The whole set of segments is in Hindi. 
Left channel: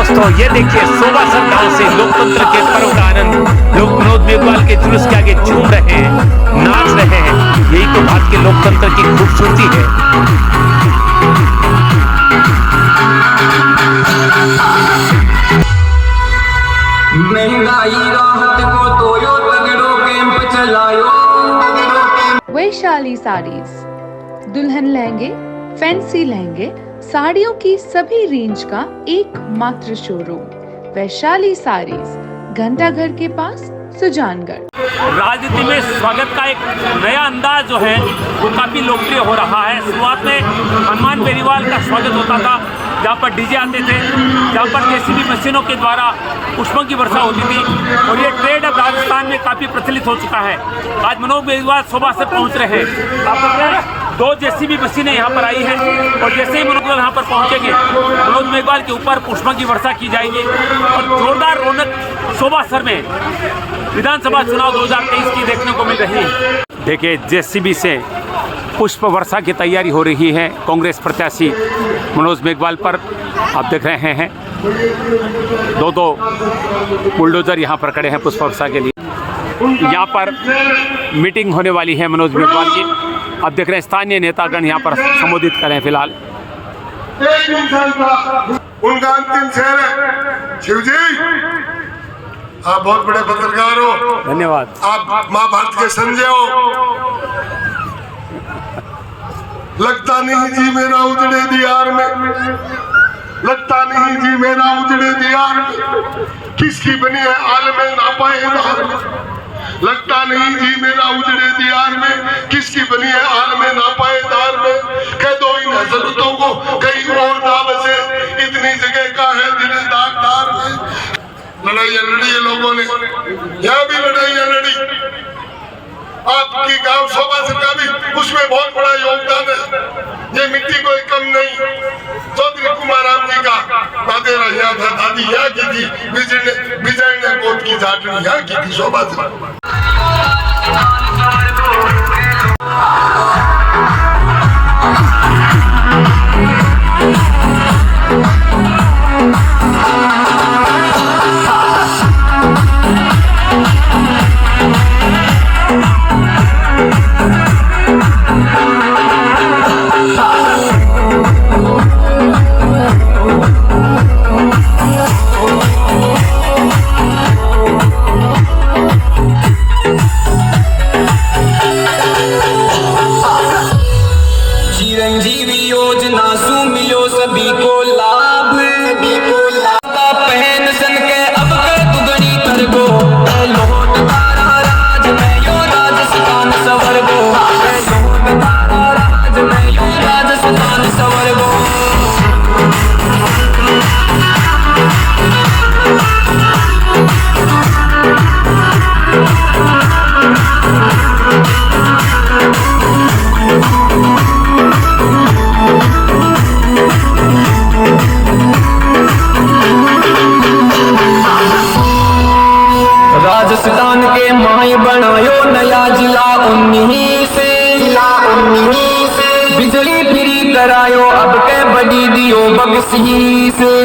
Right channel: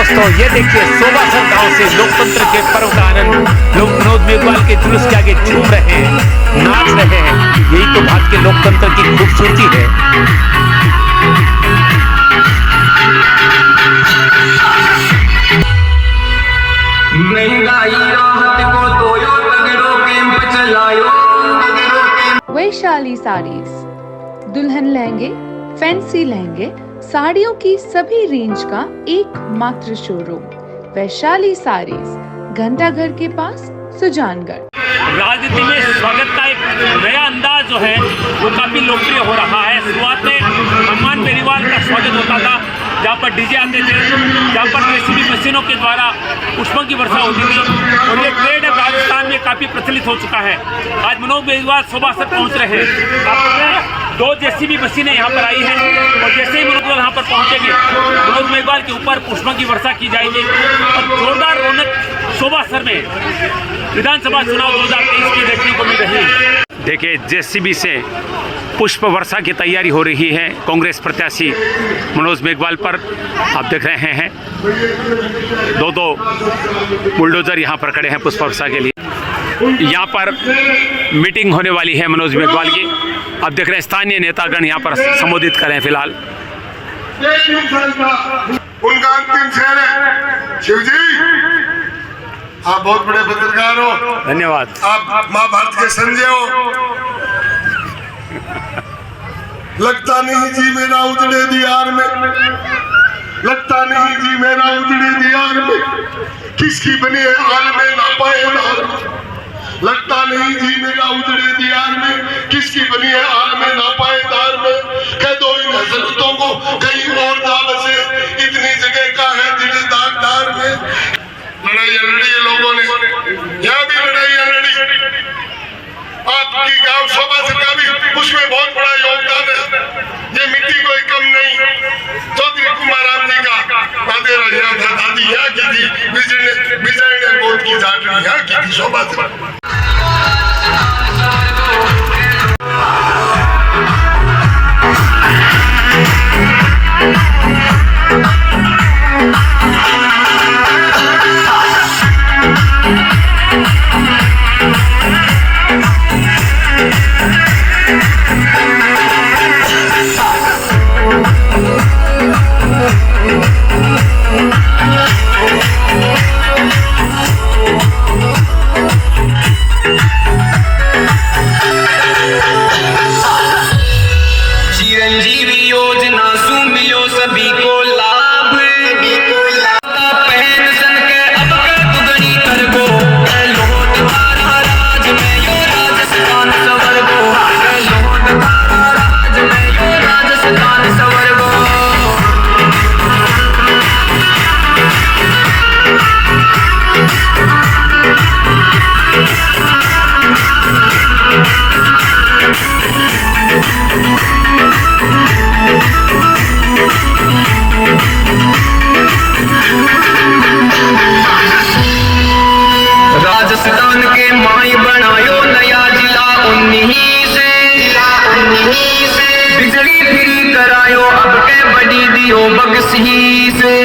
दोस्तों ये देखिए सोबासर गांव से लोकतंत्र के पर्व का आनंद लोग मनोज मेघवाल के जुलूस के आगे झूम रहे हैं, नाच रहे हैं। यही तो भारत के लोकतंत्र की खूबसूरती है। वैशाली साड़ीज, दुल्हन लहंगे, फैंसी लहंगे, साड़ियों की सभी रेंज का एकमात्र शोरूम वैशाली साड़ीज, घंटाघर के पास, सुजानगढ़। राजनीति में स्वागत का एक नया अंदाज जो है वो काफी लोकप्रिय हो रहा है। शुरुआत में हनुमान बेनीवाल का स्वागत होता था, जहाँ पर डीजे आते थे, जहाँ पर जेसीबी मशीनों के द्वारा पुष्पों की वर्षा होती थी, और ये ट्रेड अब राजस्थान में काफ़ी प्रचलित हो चुका है। आज मनोज मेघवाल सोबासर पहुँच रहे हैं। आप 2 जेसीबी मशीनें यहाँ पर आई हैं, और जैसे ही मनोज यहाँ पर पहुँचेंगे मनोज मेघवाल के ऊपर पुष्पों की वर्षा की जाएगी, और जोरदार रौनक सोबासर में विधानसभा चुनाव 2023 की देखने को मिल रही है। देखिए जेसीबी से पुष्प वर्षा की तैयारी हो रही है कांग्रेस प्रत्याशी मनोज मेघवाल पर। आप देख रहे हैं 2 बुलडोजर यहाँ पर खड़े हैं पुष्प वर्षा के लिए। यहाँ पर मीटिंग होने वाली है मनोज मेघवाल की। आप देख रहे हैं स्थानीय नेतागण यहाँ पर संबोधित कर रहे हैं। फिलहाल उनका अंतिम शेर है, शिव जी आप बहुत बड़े पत्रकार हो, धन्यवाद। आप महाभारत के संजय हो। लगता नहीं जी मेरा उजड़े दियार में, लगता नहीं जी मेरा उजड़े दियार में, किसकी बनी है आलमे नापाएदार में। लगता नहीं जी मेरा उजड़े दियार में, किसकी बनी है आलमे नापाएदार में। कह दो इन हजरतों को कहीं और ना बसे, इतनी जगह का है दिल दागदार में। लड़ाइयाँ लड़ी है लोगों ने, यहाँ भी लड़ाइयाँ लड़ी। आपकी गांव सोबासर का भी उसमें बहुत बड़ा योगदान है। ये मिट्टी कोई कम नहीं। चौधरी कुमार राम जी का बादेरा यहाँ था, दादी यहाँ की थी, विजय ने गोद की झाटनी यहाँ की थी सोबासर। राजस्थान के माई बनायो नया जिला 19 से, बिजली फ्री करायो अब के बड़ी दियो बगसी से।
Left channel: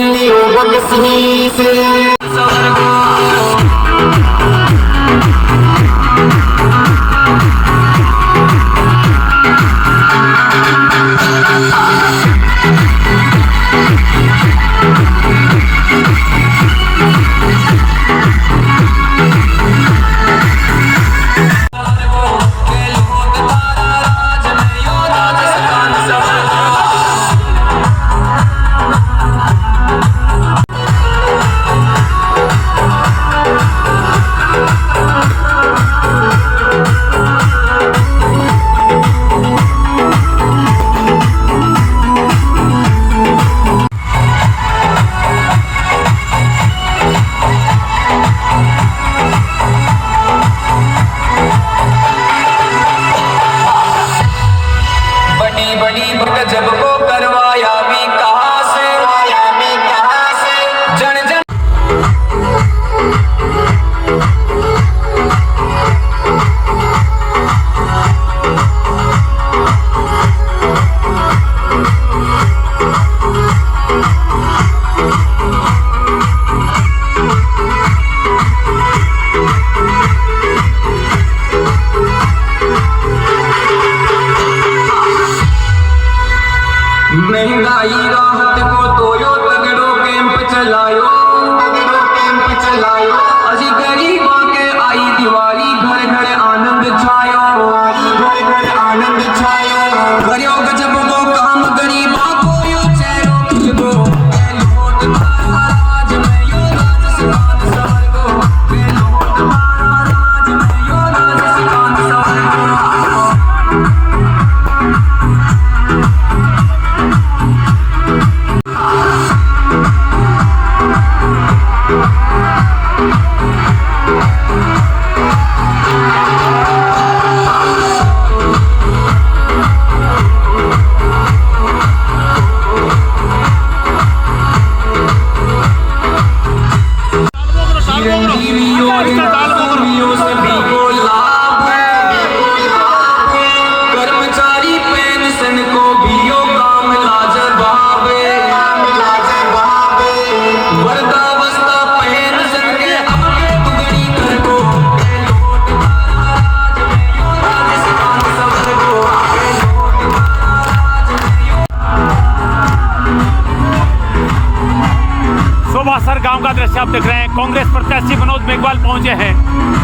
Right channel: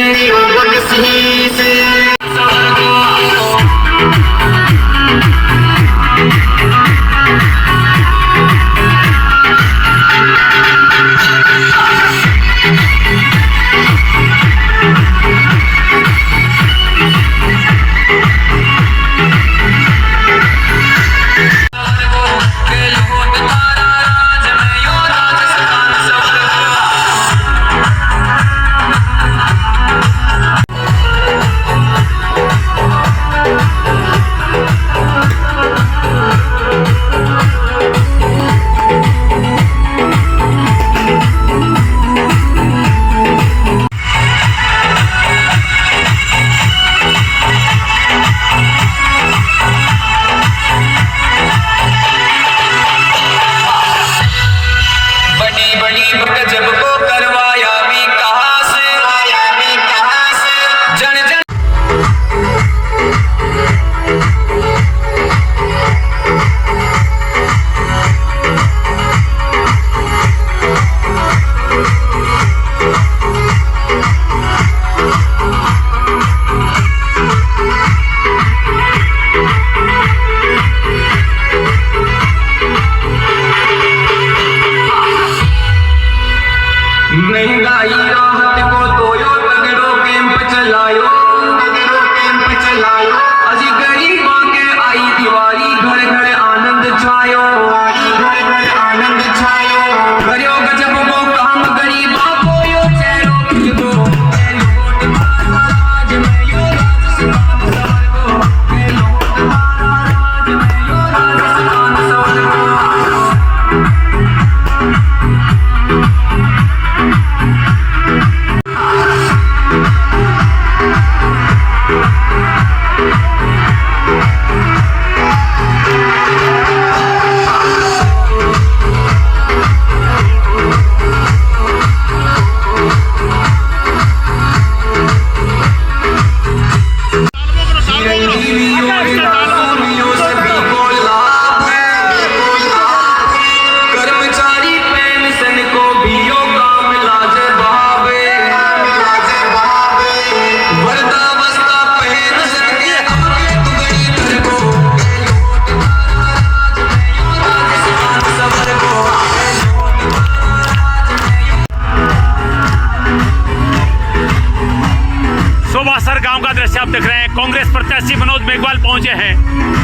सोबासर गांव का दृश्य आप देख रहे हैं। कांग्रेस प्रत्याशी मनोज मेघवाल पहुंचे हैं।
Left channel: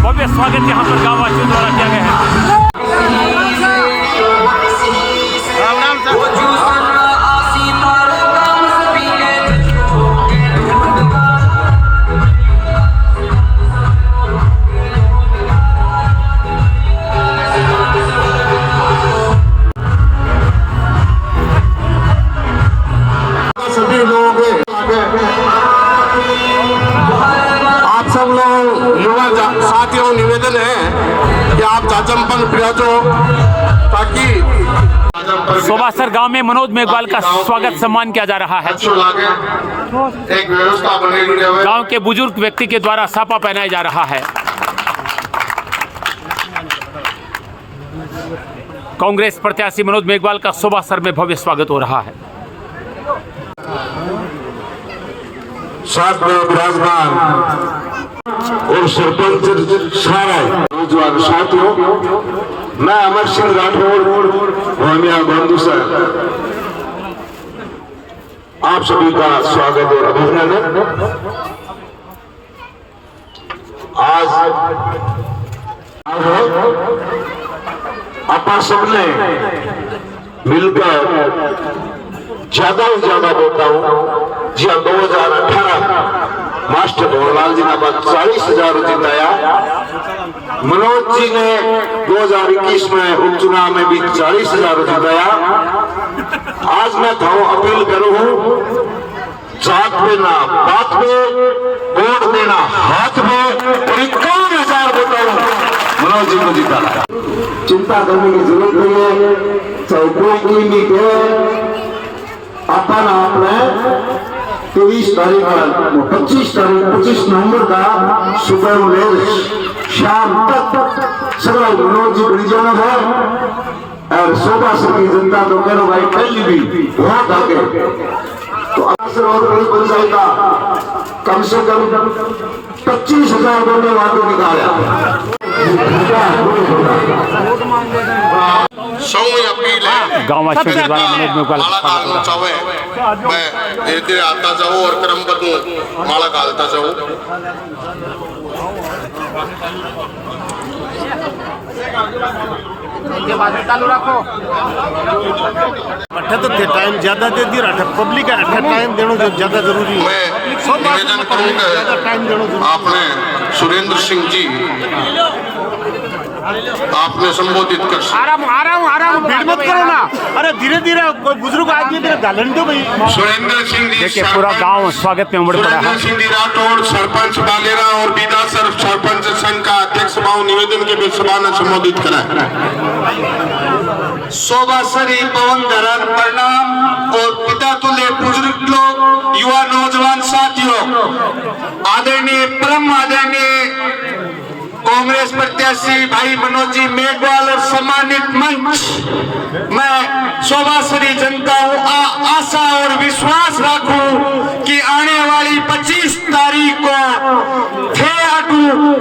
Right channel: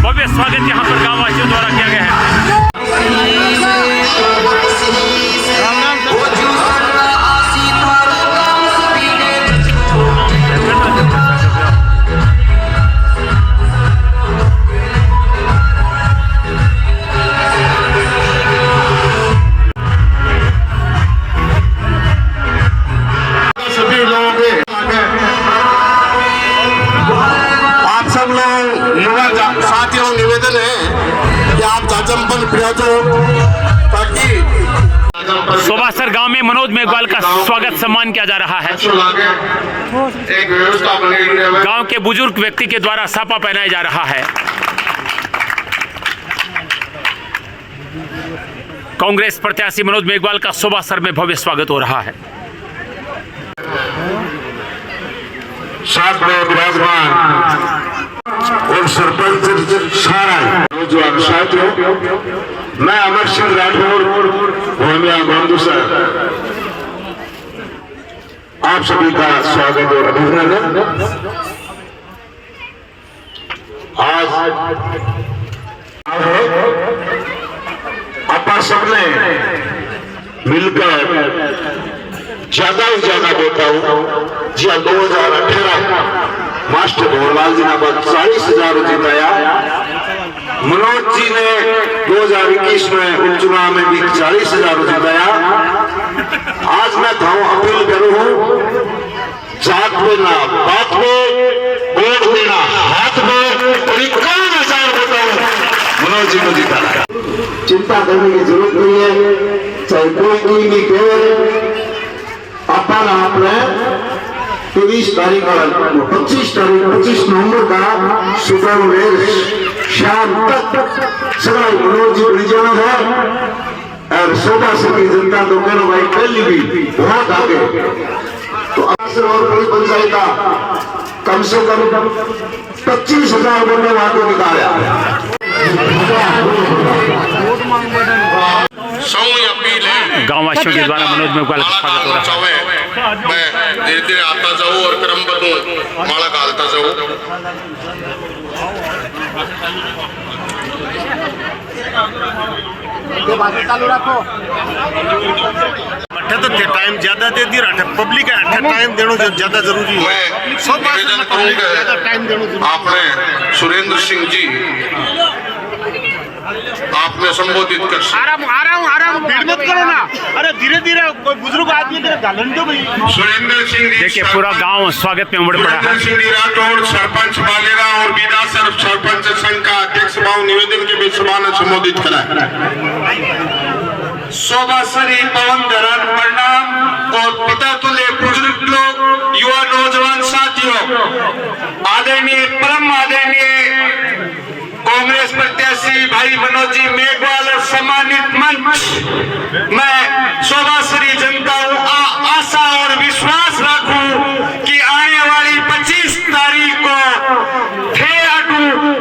भव्य स्वागत यहां पर गांव वासियों द्वारा किया गया है। सभी लोग आप सब लोग युवा साथियों निवेदन है कि आप जाजमपल पहुंचो ताकि सोबासर गांव में मनोज मेघवाल का स्वागत सम्मान किया जा रहा है। एक व्यवस्था बनेगी रहे। गांव के बुजुर्ग व्यक्ति के द्वारा सापा पहनाया जा रहा है। कांग्रेस प्रत्याशी मनोज मेघवाल का सोबासर में भव्य स्वागत हो रहा है। साथ में विराजमान और सरपंच सारा नौजवान साथियों, मैं अमर सिंह राठौर भोमिया बंधु सर आप सभी का स्वागत और अभिनंदन। आज अपा सबने मिलकर ज्यादा से ज्यादा वोटा जी 2018 मास्टर भवनलाल जी ने 40,000 जिताया। मनोज जी ने 2021 में उपचुनाव में भी 40,000 जिताया। आज मैं अपील करूं, जात में ना बात में, वोट देना हाथ में, 51,000 वोटर मनोज जी को जिताया। चिंता करने की जरूरत नहीं है, चाहे कोई नहीं कहे। अपन आपने 23 तारीख 25 नवंबर का सुबह में शाम तक सगरा मनोज जी बड़ी जाना है और सोबासर की जनता तो करो भाई पहली भी बहुत आगे। तो असर और पुलिस पंचायत का कम से कम 25,000 वोटर आगे निकाला। गांव वासियों के द्वारा मनोज मेघवाल का स्वागत हो रहा है। मैं धीरे धीरे आता जाऊँ और क्रमबद्ध माला डालता जाऊँ। अठे तो टाइम ज्यादा दे दी रहा पब्लिक है। अठे टाइम देना ज्यादा जरूरी है। सब बात में पब्लिक ज्यादा टाइम देना जरूरी। आपने सुरेंद्र सिंह जी आपने संबोधित कर आराम भीड़ मत करो ना। अरे धीरे धीरे कोई बुजुर्ग आदमी तो गालन दो भाई। सुरेंद्र सिंह जी देखिए पूरा गांव स्वागत में उमड़ पड़ा है। सिंह राठौड़ सरपंच बालेरा और बीदासर सरपंच संघ का अध्यक्ष भाव निवेदन के बीच सभा ने संबोधित करा। सोबासरी पवन धरन प्रणाम और पिता तुल्य बुजुर्ग लोग, युवा नौजवान साथियों, आदरणीय परम आदरणीय कांग्रेस प्रत्याशी भाई मनोज जी मेघवाल और सम्मानित मंच, मैं सोबासरी जनता आशा और विश्वास रखूं कि आने वाली 25 तारीख को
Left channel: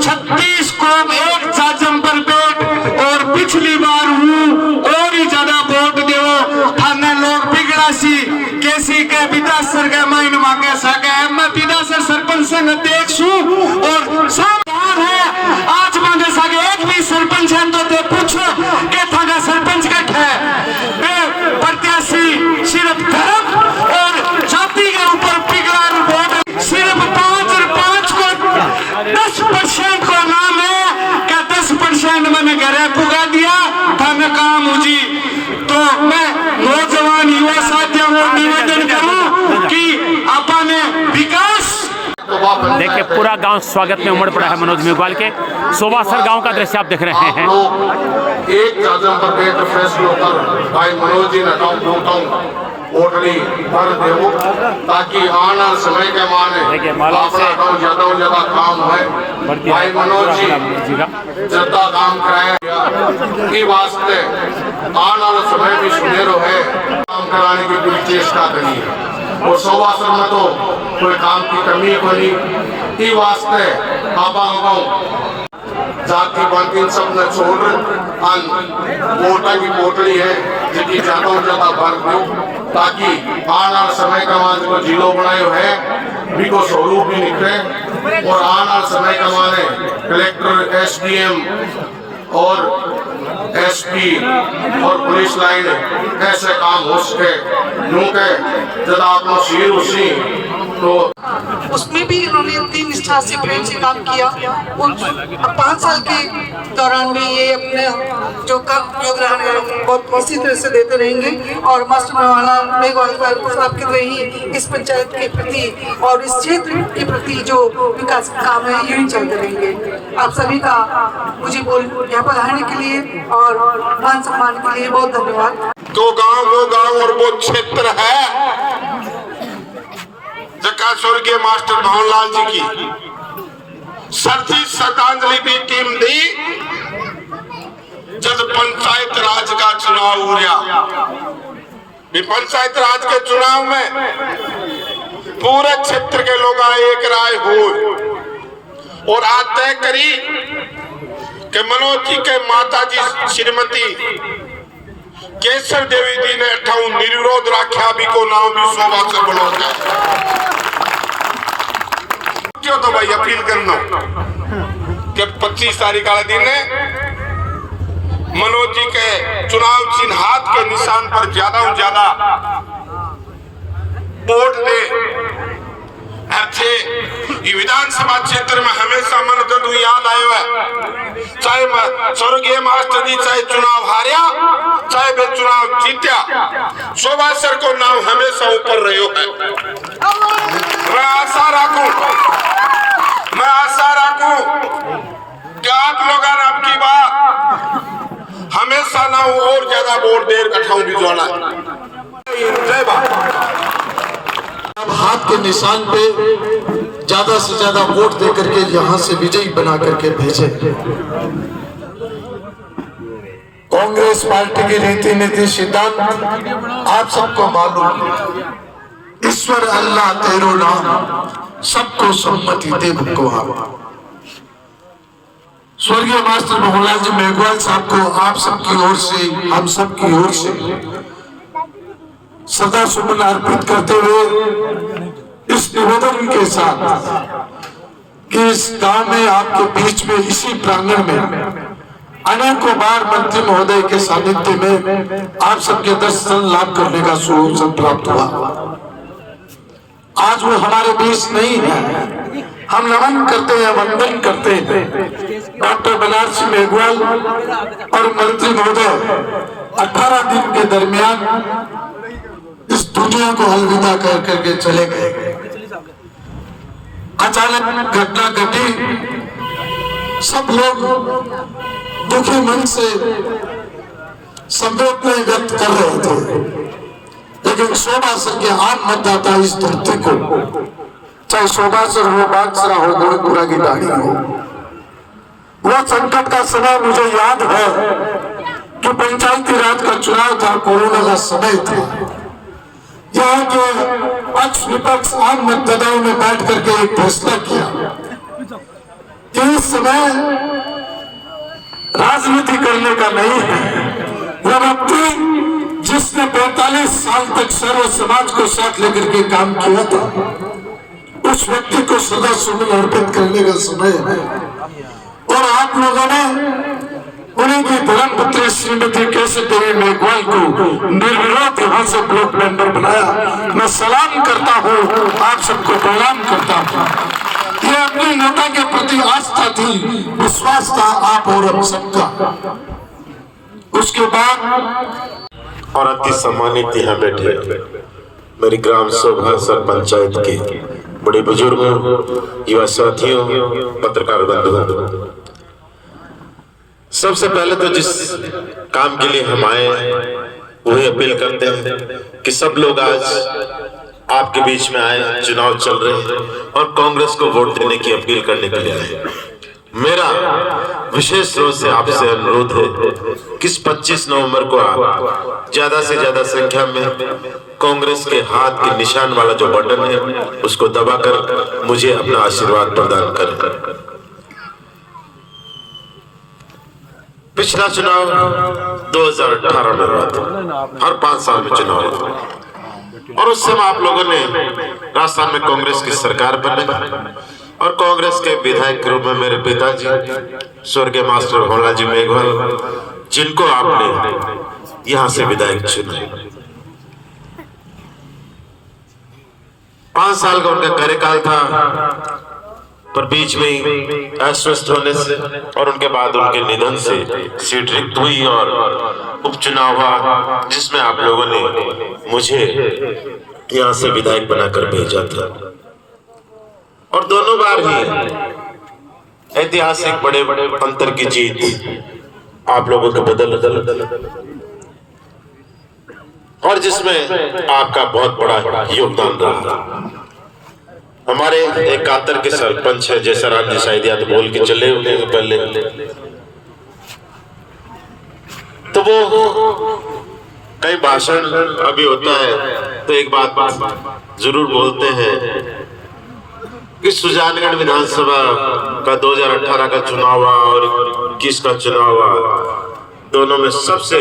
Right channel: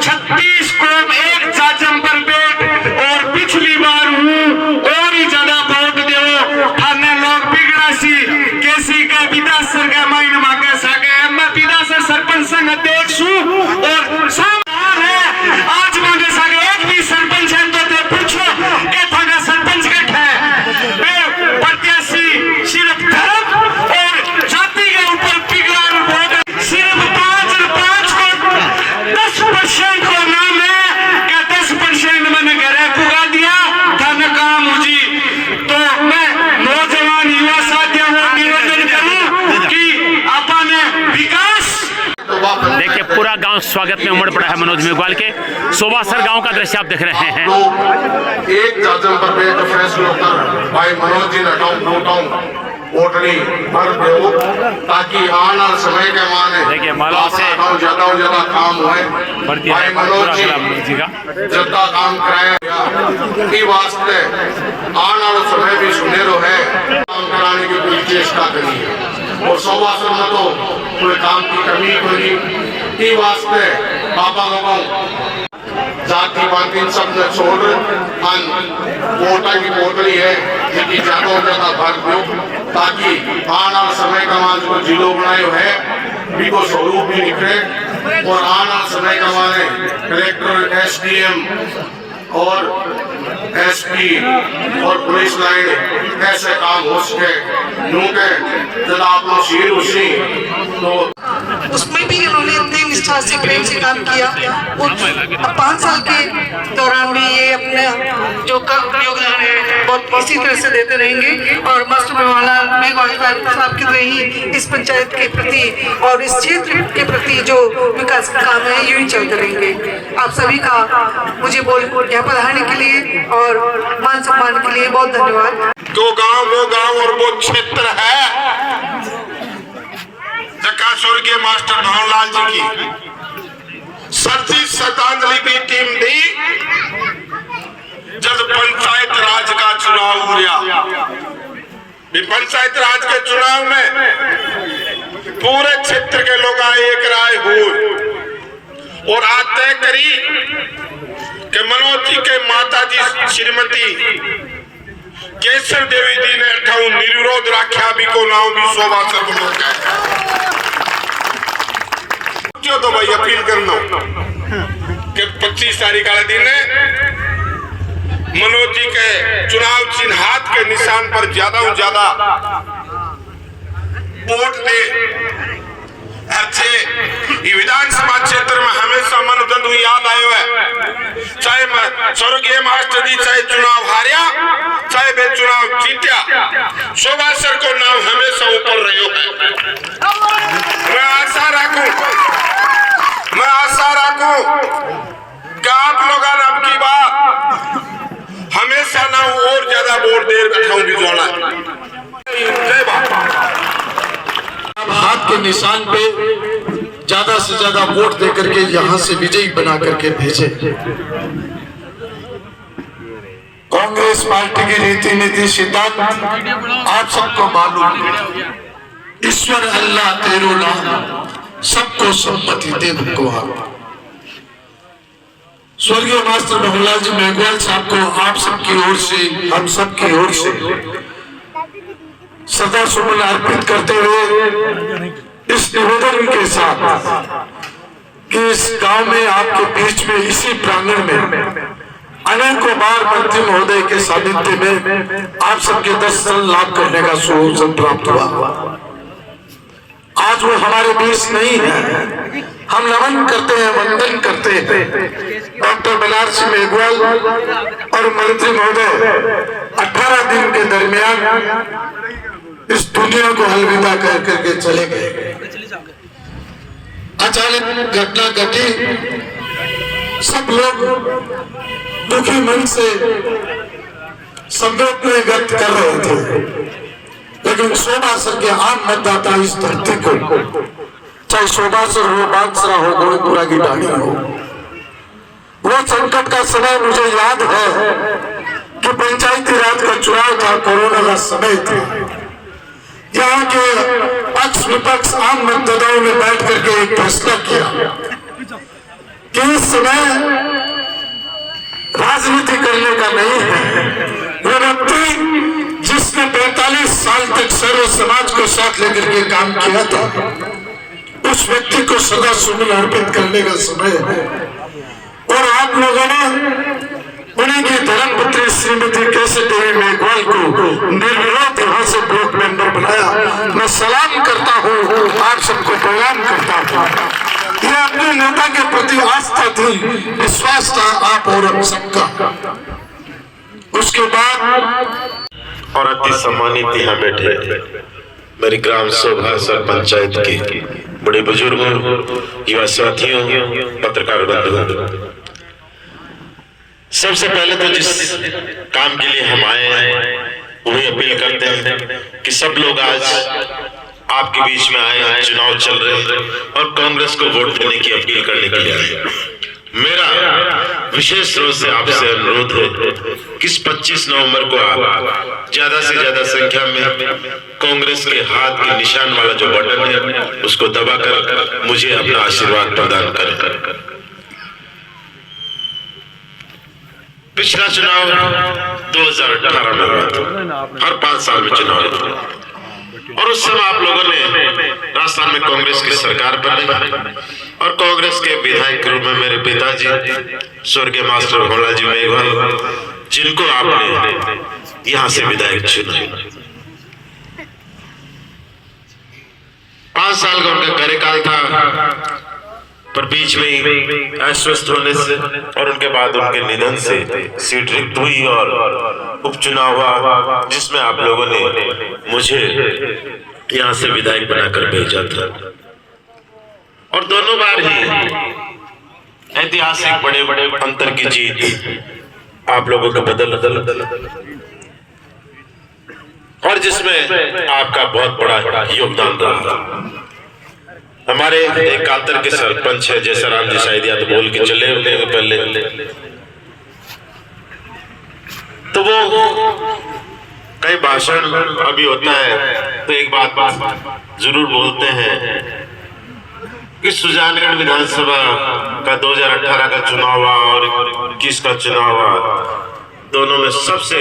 36 को एक जाजमपल बेट और पिछली बार हूँ और ही ज्यादा वोट दो थाने लोग बिगड़ासी कैसी के विदासर के महीने मांगे सके। मैं विदासर सरपंच संघ अध्यक्ष हूँ और आज मांगे सागे एक भी सरपंच है तो पूछो के थाना सरपंच कट है। प्रत्याशी सिर्फ धर्म और जाति के ऊपर पिघला वोट सिर्फ 5 को 10% को नाम है कि 10% मैंने घरे पुगा दिया धन काम मुझी। तो मैं नौजवान युवा साथियों को निवेदन करूं कि अपने विकास। देखिए पूरा गांव स्वागत में उमड़ पड़ा है मनोज मेघवाल के। सोबासर गांव का दृश्य आप देख रहे हैं। एक दर्जन पर बेट फैसलों कर भाई मनोज जी ने वोटनी भर दो ताकि आने समय के माने देखिए मालाओं से ज्यादा काम हुए भर दिया है पूरा किला मनोज जी का। ज्यादा काम कराया की वास्ते आने वाला समय भी सुनेरो है काम कराने की पूरी चेष्टा करी है। और सोबासर में तो कोई काम की कमी कोई वास्ते बाबा जाति पाति सबने छोड़ वोटा की पोटली है जिसकी ज्यादा भर दो ताकि आने वाले समय का जिलो बनाए है भी को स्वरूप में निकले और आना समय कमाने कलेक्टर, SDM और SP और पुलिस लाइन ऐसे काम हो सके नूके जब आपको शीर उसी तो उसमें भी इन्होंने इतनी निष्ठा से प्रेम से काम किया। और 5 साल के दौरान भी ये अपने जो योगदान है बहुत इसी तरह से देते रहेंगे और मास्टर मेघवाल साहब की तरह ही इस पंचायत के प्रति और इस क्षेत्र के प्रति जो विकास काम है यूं ही चलते रहेंगे। आप सभी का मुझे यहाँ पधारने के लिए और मान सम्मान के लिए बहुत धन्यवाद। तो वो गांव और वो क्षेत्र है जका स्वर्गीय मास्टर भवनलाल जी की सरजी श्रद्धांजलि की टीम दी जब पंचायत राज का चुनाव हुआ। पंचायत राज के चुनाव में पूरे क्षेत्र के लोग एक राय हुए और आज तय करी कि मनोज जी के माता जी श्रीमती केशव देवी जी ने अठाऊ निर्विरोध रखा भी को नाम भी शोभासर बनो जो तो भाई अपील करना कि 25 तारीख वाले दिन मनोज जी के चुनाव चिन्ह हाथ के निशान पर ज्यादा से ज्यादा वोट दे। अच्छे ये विधानसभा क्षेत्र में हमेशा मन जदू याद आयो है चाहे स्वर्गीय मास्टर जी चाहे चुनाव हारिया चाहे वे चुनाव जीत्या शोभासर को नाम हमेशा ऊपर रहो है। मैं आशा राखूं कि आप लोग अब की बात हमेशा ना और ज्यादा वोट देर बैठाऊं भी जोड़ा। जय भारत। हाथ के निशान पे ज्यादा से ज्यादा वोट देकर के यहाँ से विजयी बना करके भेजे। कांग्रेस पार्टी की रीति नीति सिद्धांत आप सबको मालूम है। ईश्वर अल्लाह तेरो नाम सबको सम्मति दे भगवान। स्वर्गीय मास्टर भवनलाल जी मेघवाल साहब को आप सबकी ओर से हम सबकी ओर से सदा सुमन अर्पित करते हुए इस निवेदन के साथ कि इस गांव में आपके बीच में इसी प्रांगण में अनेकों बार मंत्री महोदय के सानिध्य में आप सबके दर्शन लाभ करने का सुअवसर प्राप्त हुआ। आज वो हमारे बीच नहीं है। हम नमन करते हैं, वंदन करते हैं डॉक्टर बनारसी मेघवाल और मंत्री महोदय 18 दिन के दरमियान इस दुनिया को अलविदा कर करके चले गए। अचानक घटना घटी, सब लोग दुखी मन से संवेदना व्यक्त कर रहे थे, लेकिन शोभासर के आम मतदाता इस धरती को, चाहे शोभासर हो, बागसरा हो, गोविंदपुरा की डाली हो, वह संकट का समय मुझे याद है कि पंचायती राज का चुनाव था, कोरोना का समय था। यहाँ के पक्ष विपक्ष आम मतदाताओं ने बैठ करके एक फैसला किया कि इस समय राजनीति करने का नहीं है। वो व्यक्ति जिसने 45 साल तक सर्व समाज को साथ लेकर के काम किया था, उस व्यक्ति को सदा सुमन अर्पित करने का समय है। और आप लोगों ने उन्हीं की धर्मपत्नी श्रीमती केशव देवी मेघवाल को निर्विरोध यहाँ से ब्लॉक मेंबर बनाया। मैं सलाम करता हूँ, आप सबको प्रणाम करता हूँ। ये अपने नेता के प्रति आस्था थी, विश्वास था आप और हम सबका। उसके बाद और अति सम्मानित यहाँ बैठे मेरी ग्राम सभा सर पंचायत के बड़े बुजुर्गों, युवा साथियों, पत्रकार बंधुओं, सबसे पहले तो जिस काम के लिए हम आए हैं वही अपील करते हैं कि सब लोग आज आपके बीच में आए, चुनाव चल रहे हैं और कांग्रेस को वोट देने की अपील करने के लिए आए। मेरा विशेष रूप से आपसे अनुरोध है कि 25 नवंबर को आप ज्यादा से ज्यादा संख्या में कांग्रेस के हाथ के निशान वाला जो बटन है उसको दबाकर मुझे अपना आशीर्वाद प्रदान करें। पिछला चुनाव 2018 में हुआ था, हर 5 साल में चुनाव होता। और उस समय आप लोगों ने राजस्थान में कांग्रेस की सरकार बनी और कांग्रेस के विधायक के रूप में मेरे पिताजी स्वर्गीय मास्टर भोला जी मेघवाल, जिनको आपने यहाँ से विधायक चुना। 5 साल का उनका कार्यकाल था, पर बीच में अस्वस्थ होने से और उनके बाद उनके निधन से सीट रिक्त हुई और उपचुनाव हुआ, जिसमें आप लोगों ने मुझे यहाँ से विधायक बनाकर भेजा था। और दोनों बार ही ऐतिहासिक बड़े बड़े अंतर की जीत आप लोगों को बदल और जिसमें आपका बहुत बड़ा योगदान रहा। हमारे एक कातर के सरपंच है जैसा राम जी शायद याद बोल के चले होते हैं पहले, तो वो कई भाषण अभी होता है तो एक बात जरूर बोलते हैं कि सुजानगढ़ विधानसभा का 2018 का चुनाव हुआ और 21 का चुनाव हुआ, दोनों में सबसे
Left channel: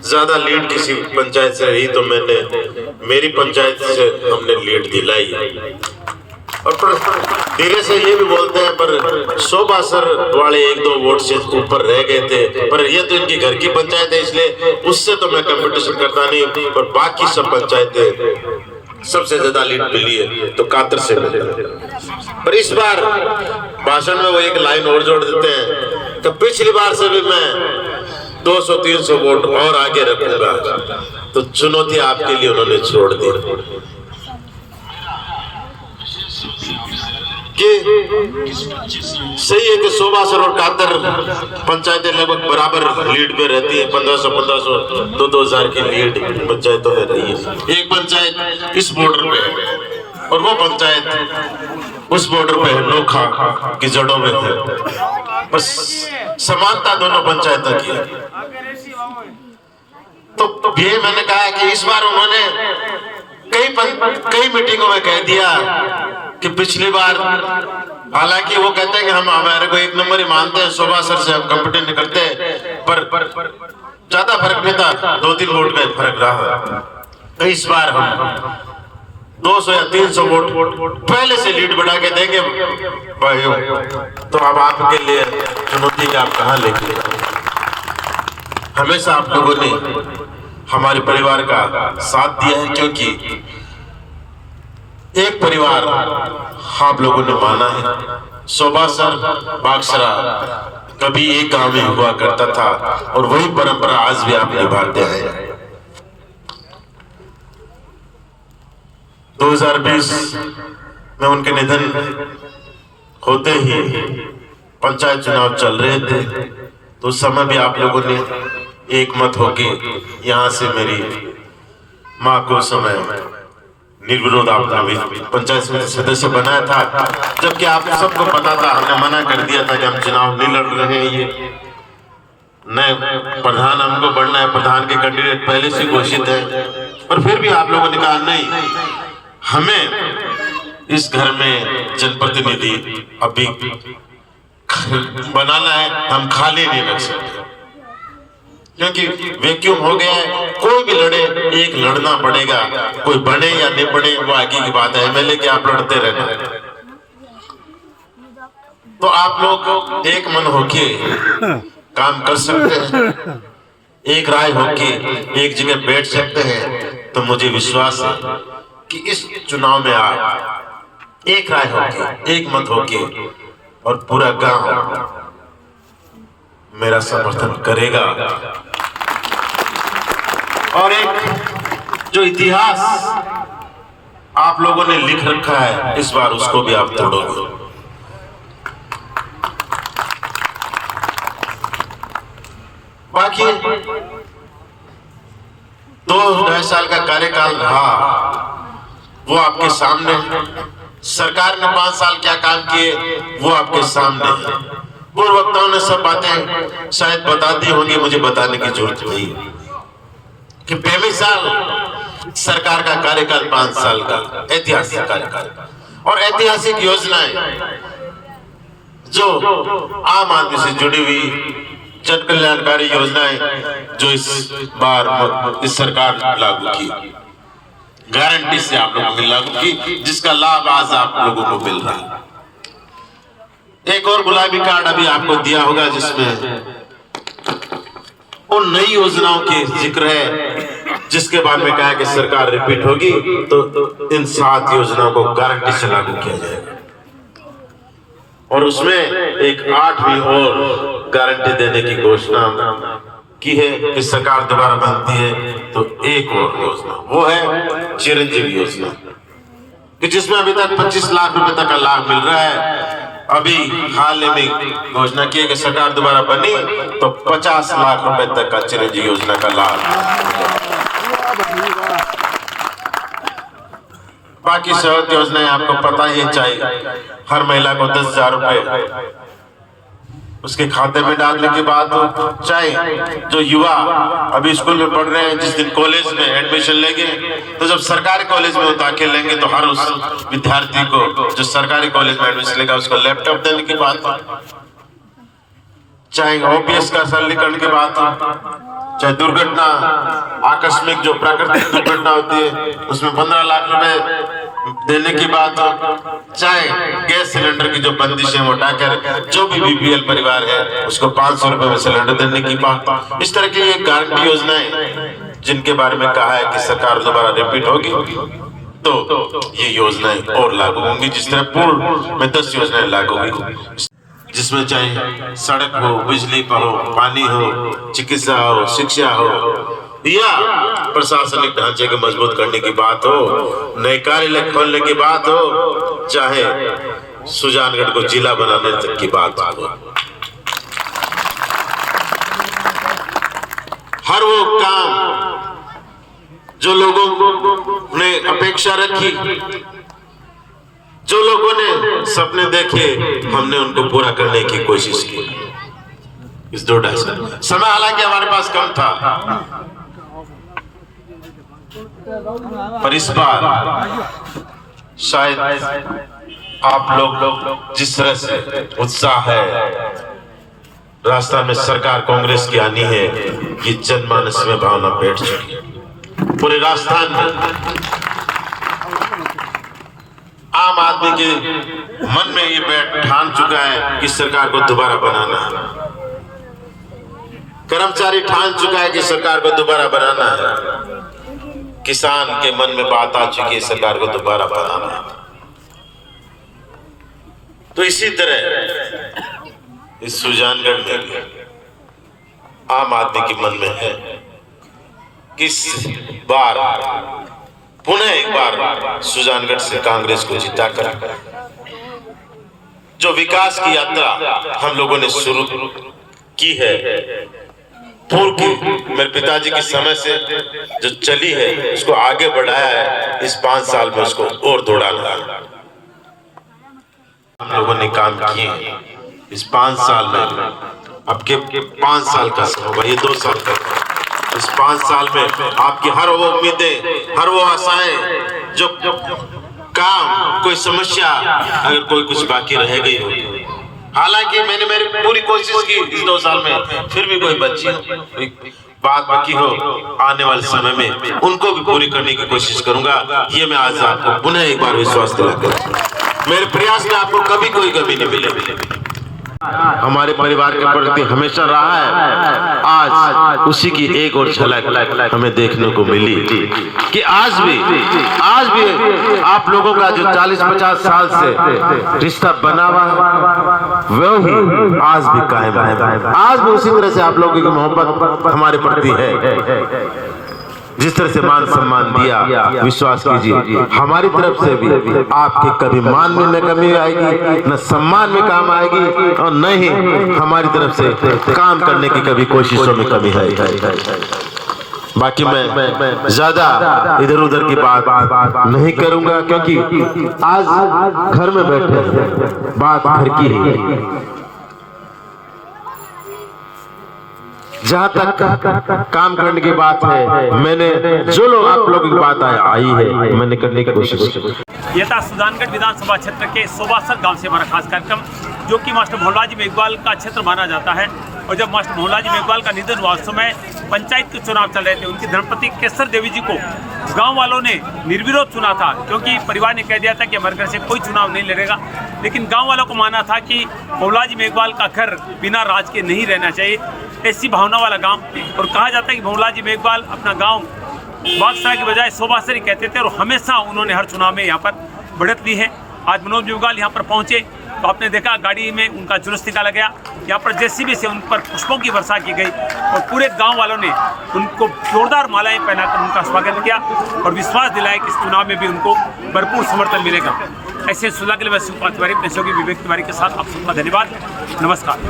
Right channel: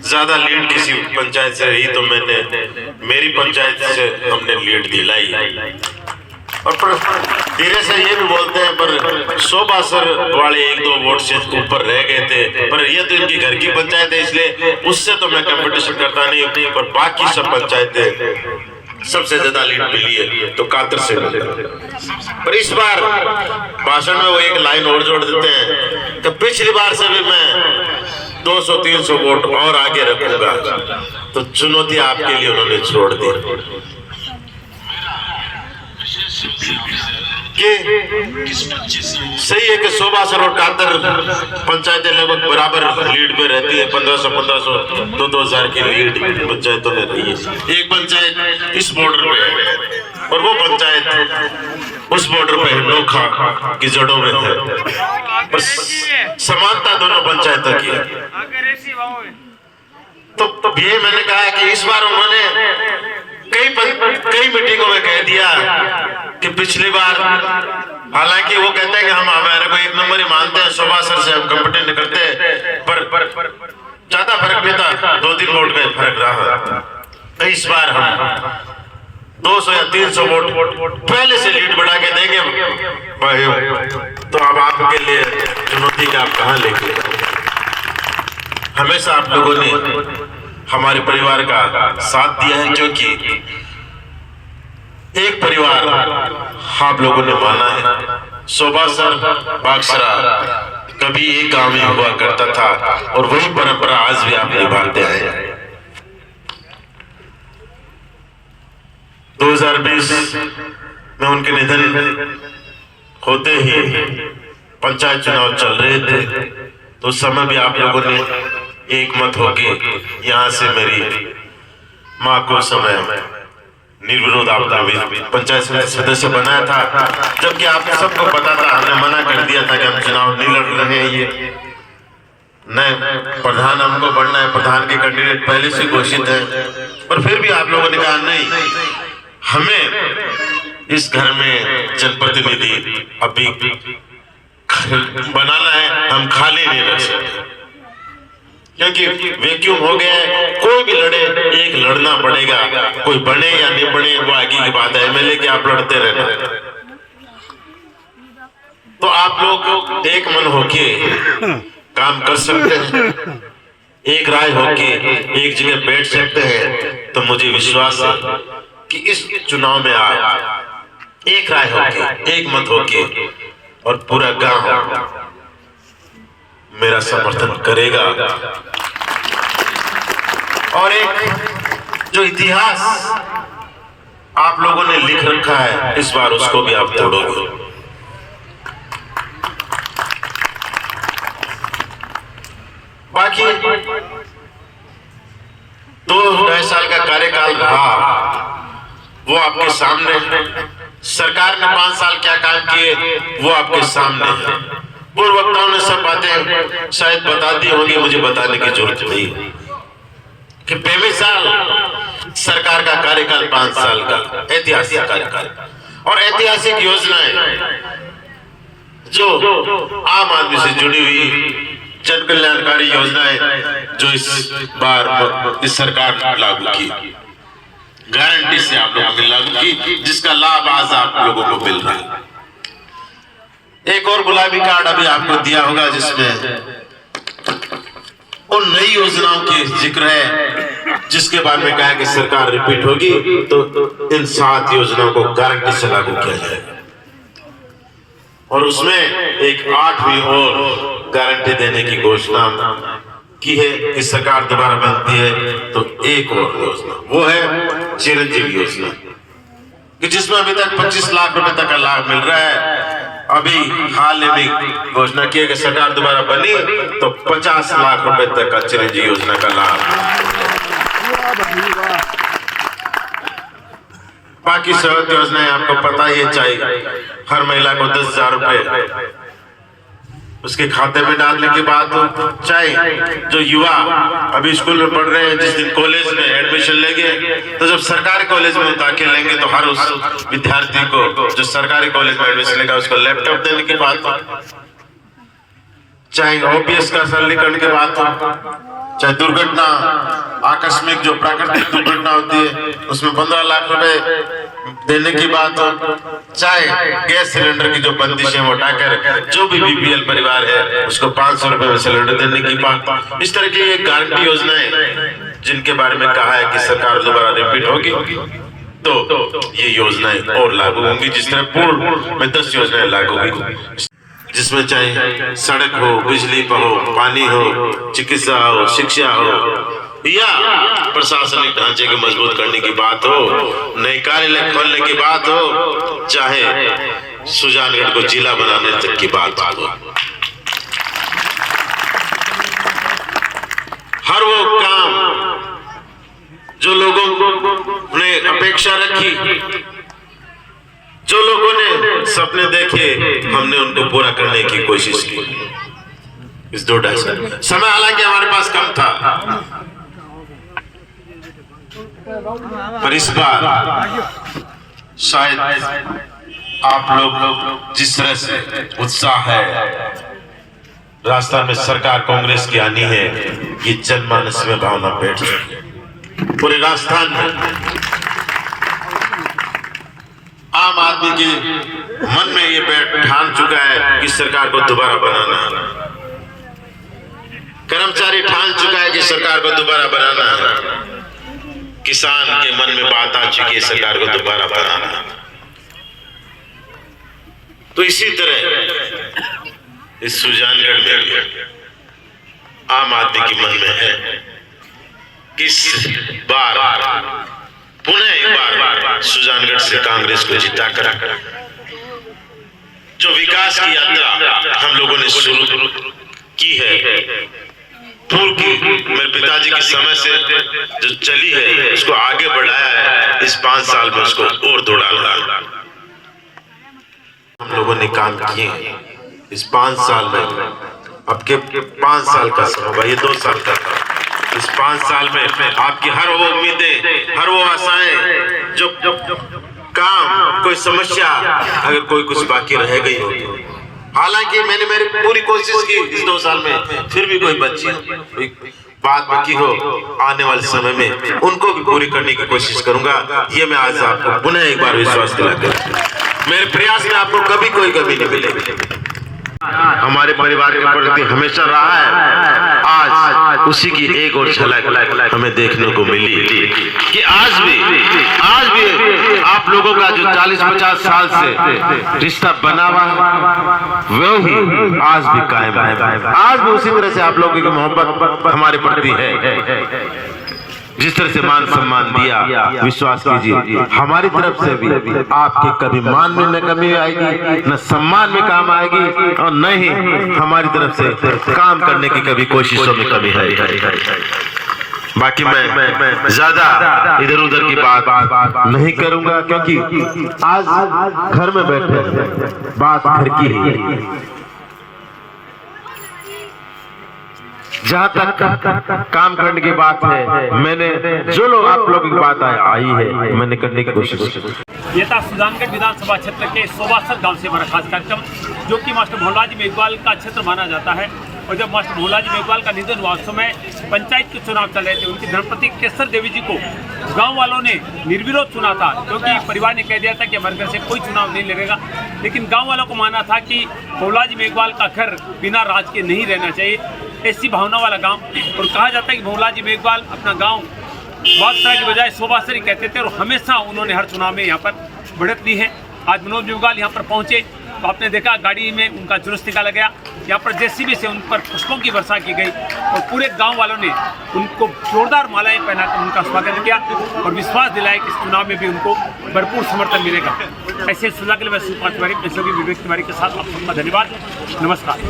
ज्यादा लीड किसी पंचायत से रही तो मेरी पंचायत से हमने लीड दिलाई। और धीरे से ये भी बोलते हैं पर शोभासर वाले 1-2 वोट से ऊपर रह गए थे, पर ये तो इनकी घर की पंचायत है इसलिए उससे तो मैं कंपटीशन करता नहीं, पर बाकी सब पंचायतें सबसे ज्यादा लीड मिली है तो कातर से मिले। पर इस बार भाषण में वो एक लाइन और जोड़ देते हैं कि पिछली बार से भी मैं 200-300 वोट और आगे रखूंगा, तो चुनौती आपके लिए उन्होंने छोड़ दी कि सही है कि शोभासर और कातर पंचायतें लगभग बराबर लीड में रहती है, 1500 2,000 की लीड पंचायतों में रही है। एक पंचायत इस बॉर्डर पे है और वो पंचायत उस बॉर्डर पे है, नोखा की जड़ों में है, बस समानता दोनों पंचायतों की है। तो ये मैंने कहा कि इस बार उन्होंने कई मीटिंगों में कह दिया कि पिछली बार, हालांकि वो कहते हैं कि हम हमारे को 1 नंबर ही मानते हैं, शोभासर से हम कंपटीशन करते हैं, पर ज्यादा फर्क नहीं था, 2-3 वोट का फर्क रहा। इस बार हम 200 या 300 वोट पहले से लीड बढ़ा के देंगे, तो अब आपके लिए चुनौती का आप कहाँ लेके। हमेशा आप लोगों ने हमारे परिवार का साथ दिया है, क्योंकि एक परिवार आप लोगों ने माना है। शोभासर बागसरा कभी एक गांव में हुआ करता था और वही परंपरा आज भी आप निभाते हैं। 2020 में उनके निधन होते ही पंचायत चुनाव चल रहे थे, तो उस समय भी आप लोगों ने एक मत होके यहाँ से मेरी माँ को समय निर्विरोध आपने पंचायत समिति सदस्य बनाया था, जबकि आप सबको पता था, हमने मना कर दिया था कि हम चुनाव नहीं लड़ रहे हैं, ये नए प्रधान हमको बनना है, प्रधान के कैंडिडेट पहले से घोषित है, पर फिर भी आप लोगों ने कहा नहीं, हमें इस घर में जनप्रतिनिधि अभी बनाना है, हम खाली नहीं रख सकते, क्योंकि वैक्यूम हो गया है। कोई भी लड़े, एक लड़ना पड़ेगा, कोई बने या नहीं बने वो आगे की बात है, एमएलए के आप लड़ते रहना। तो आप लोग एक मन होके काम कर सकते हैं, एक राय होके एक जगह बैठ सकते हैं, तो मुझे विश्वास है कि इस चुनाव में आप एक राय होके, एक मत होके और पूरा गांव मेरा समर्थन करेगा। और एक जो इतिहास आप लोगों ने लिख रखा है, इस बार उसको भी आप तोड़ोगे। बाकी 2 साल का कार्यकाल रहा, वो आपके सामने, सरकार ने 5 साल क्या काम किए वो आपके सामने है। पूर्व वक्ताओं ने सब बातें शायद बता दी होंगी, मुझे बताने की जरूरत नहीं कि पहले साल सरकार का कार्यकाल 5 साल का ऐतिहासिक कार्यकाल और ऐतिहासिक योजनाएं जो आम आदमी से जुड़ी हुई जन कल्याणकारी योजनाएं जो इस बार इस सरकार ने लागू की, गारंटी से आप लोगों ने लागू की, जिसका लाभ आज आप लोगों को मिल रहा है। एक और गुलाबी कार्ड अभी आपको दिया होगा, जिसमें उन नई योजनाओं के जिक्र है जिसके बारे में कहा कि सरकार रिपीट होगी तो इन 7 योजनाओं को गारंटी से लागू किया जाएगा। और उसमें एक 8वीं और गारंटी देने की घोषणा की है कि सरकार दोबारा बनती है तो एक और योजना, वो है चिरंजीवी योजना, कि जिसमें अभी तक 25 लाख रुपए तक का लाभ मिल रहा है। अभी हाल में घोषणा की है कि सरकार दोबारा बनी तो 50 लाख रुपए तक का चिरंजीवी योजना का लाभ। बाकी सहूलियत योजनाएं आपको पता ही है, चाहे हर महिला को 10,000 रुपए उसके खाते में डालने की बात हो, चाहे जो युवा अभी स्कूल में पढ़ रहे हैं जिस दिन कॉलेज में एडमिशन लेंगे तो जब सरकारी कॉलेज में दाखिल लेंगे तो हर उस विद्यार्थी को जो सरकारी कॉलेज में एडमिशन लेगा उसको लैपटॉप देने की बात हो, चाहे ओपीएस का सरलीकरण की बात हो, चाहे दुर्घटना आकस्मिक जो प्राकृतिक दुर्घटना होती है उसमें 15 लाख रुपए देने की बात हो, चाहे गैस सिलेंडर की जो बंदिश है वो हटाकर जो भी बीपीएल परिवार है उसको 500 रुपए में सिलेंडर देने की बात। इस तरह की एक गारंटी योजनाएं जिनके बारे में कहा है कि सरकार दोबारा रिपीट होगी तो ये योजनाएं और लागू होंगी। जिस तरह पूर्व में 10 योजनाएं लागू होगी, जिसमें चाहे सड़क हो, बिजली हो, पानी हो, चिकित्सा हो, शिक्षा हो या प्रशासनिक ढांचे को मजबूत करने की बात हो, नए कार्यालय खोलने की बात हो, चाहे सुजानगढ़ को जिला बनाने तक की बात हो, हर वो काम जो लोगों ने अपेक्षा रखी, जो लोगों ने सपने देखे, हमने उनको पूरा करने की कोशिश की इस 2-2.5 साल। समय हालांकि हमारे पास कम था, पर इस बार शायद आप लोग जिस तरह से उत्साह है राजस्थान में सरकार कांग्रेस की आनी है, ये जनमानस में भावना बैठ चुकी है। पूरे राजस्थान में आम आदमी के मन में ये बैठ ठान चुका है कि सरकार को दोबारा बनाना है, कर्मचारी ठान चुका है कि सरकार को दोबारा बनाना है, किसान के मन में बात आ चुकी है सरकार को दोबारा बनाना है। तो इसी तरह इस सुजानगढ़ में भी आम आदमी के मन में है कि इस बार पुनः एक बार सुजानगढ़ से कांग्रेस को जिताकर जो विकास की यात्रा हम लोगों ने शुरू की है, पूर्व की मेरे पिताजी के समय से जो चली है उसको आगे बढ़ाया है, इस 5 साल में उसको और दौड़ाना है। हम लोगों ने काम किए इस 5 साल में, अब के 5 साल का होगा, ये 2 साल तक, इस 5 साल में आपकी हर वो उम्मीदें, हर वो आशाएं, जो काम, कोई समस्या अगर कोई कुछ बाकी रह गई हो, हालांकि मैंने मेरी पूरी कोशिश की इस 2 साल में, फिर भी कोई बच्ची बात बाकी हो आने वाले समय में उनको भी पूरी करने की कोशिश करूंगा। ये मैं आज आपको पुनः एक बार विश्वास दिलाकर, मेरे प्रयास में आपको कभी कोई कमी नहीं मिलेगी। हमारे परिवार के प्रति हमेशा रहा है, आज उसी की एक और झलक हमें देखने को मिली कि आज भी आप लोगों का जो 40-50 साल से रिश्ता बना हुआ वो ही आज भी कायम है। आज भी उसी तरह से आप लोगों की मोहब्बत हमारे प्रति है, जिस तरह से मान सम्मान दिया, विश्वास कीजिए हमारी तरफ से भी आपके कभी मान में न कमी आएगी, न सम्मान में काम आएगी, और न ही हमारी तरफ से काम करने की कभी कोशिशों में कमी आएगी। बाकी मैं ज्यादा इधर उधर की बात नहीं करूंगा, क्योंकि आज घर में बैठे बात घर की है। जहाँ तक काम करने की बात है, मैंने जो लोग आप लोगों की बात आई है मैंने करने की कोशिश की। ये था सुजानगढ़ विधानसभा क्षेत्र के सोबासर गांव से हमारा खास कार्यक्रम, जो कि मास्टर भोलाजी मेघवाल का क्षेत्र माना जाता है। और जब मास्टर मोहनलाल जी मेघवाल का निधन हुआ उस समय पंचायत के चुनाव चल रहे थे। उनकी धर्मपत्नी केसर देवी जी को गांव वालों ने निर्विरोध चुना था, क्योंकि परिवार ने कह दिया था कि हमारे घर से कोई चुनाव नहीं लड़ेगा। लेकिन गांव वालों को माना था कि मोहनलाल जी मेघवाल का घर बिना राज के नहीं रहना चाहिए, ऐसी भावना वाला गाँव। और कहा जाता है कि मोहनलाल जी मेघवाल अपना गाँव बादशाह की बजाय शोभासरी कहते थे, और हमेशा उन्होंने हर चुनाव में यहाँ पर बढ़त ली है। आज मनोज मेघवाल यहाँ पर पहुँचे तो आपने देखा गाड़ी में उनका जुलूस निकाला गया, यहाँ पर जेसीबी से उन पर पुष्पों की वर्षा की गई और पूरे गांव वालों ने उनको जोरदार मालाएं पहनाकर उनका स्वागत किया और विश्वास दिलाया कि इस चुनाव में भी उनको भरपूर समर्थन मिलेगा। ऐसे सुलह के लिए मैं सुपाल तिवारी, विवेक तिवारी के साथ आप सबका धन्यवाद, नमस्कार।